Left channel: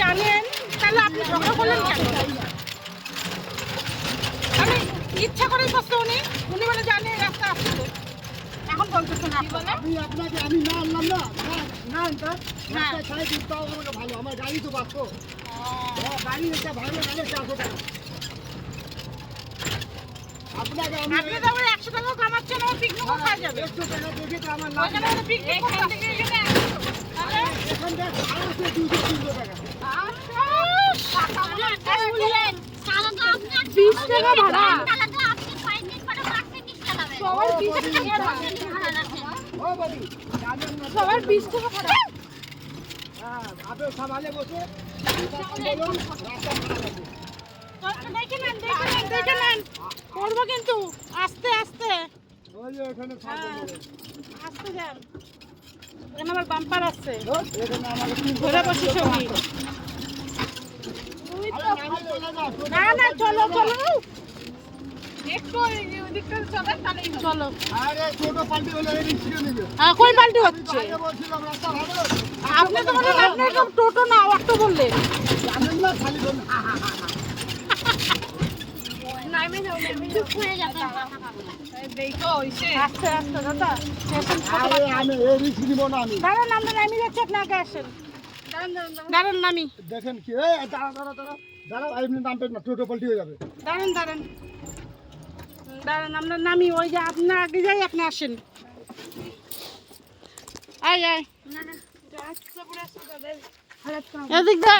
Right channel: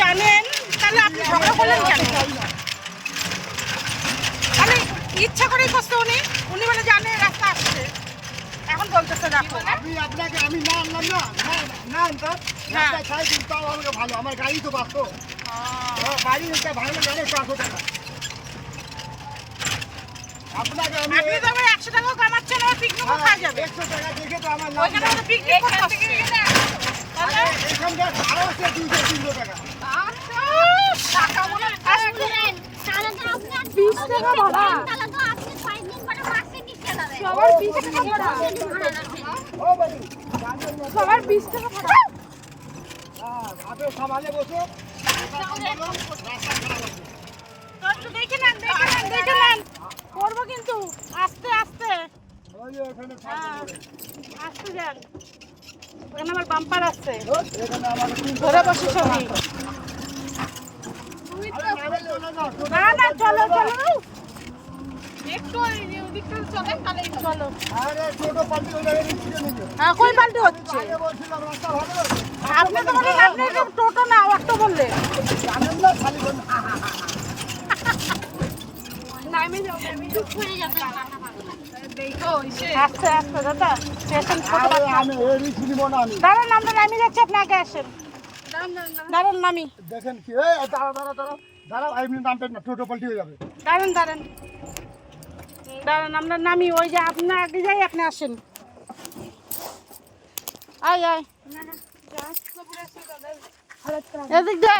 জানেন তাহলে আপনি ঝগড়া করলেন কেন? তাহলে ইচ্ছা করেই করছে উনি বলে জানে রাস্তা আসছে, এখন বলতেছেন রাখো। আমি না আনলাম না আনতাম রাস্তায় ছাই দিতাম আমাকে ভালো, আমার গাড়ি তো বাঁচতো। গাড়ি এটা ভালো গাড়ি 400 টাকা। আপনাকে আমি আপনি তো আবার 100 টাকাও কামাচ্ছেন, আর পিকনিকও খাওয়া যাবে। 100 টাকা দেখে তো আমার লাভ ওইখানে নেই। আমাদের পিকনিক করতে আসছে। তাহলে এখানকার ভাড়া হচ্ছে 200-300 টাকা। টাকা বলে সবার 20 টাকা ভাড়া, ও বাড়ি সবার 20 টাকা ভাড়া। আপনি সামালে বসো বলো রাস্তা খারাপ আছে। তো দেখে নেন করবো কিন্তু আস্তে আস্তে। ওই যে এখানে হ্যাঁ, আস্তে যান, ওখানে আমার বাম্পার আছে, এখানে আমাকে 300 ধরে বসে ছবি। না না চলো একটু ওদিকটা চলেন তাহলেই চলো। আরে ছোট পাল্টি হলে এই রিক্সা নিবে। হ্যাঁ কই পাল্টি হচ্ছে? আগে বলছিলাম রাস্তা ভালো। আপনি তো বললেন আপনি তো টোটো না অটো বললেন। জানেন না খালি বল। আস্তে আস্তে দাদা, স্টেশন ছোট আরে বাচ্চা। আমি এই রিক্স নিব না আমি। দাঁড়ান আমরা নামি যাচ্ছি, আপনি আগে আসেন। দাঁড়ান নামি, দেখেন কি এই দাঁড়াও আপনি নামবেন না, টোটো পাল্টি হয়ে যাবে। দাঁড়ান আমরা নামি, ওই যে আপনি আগে যাই আপনি আসেন। আয় এদিক দে।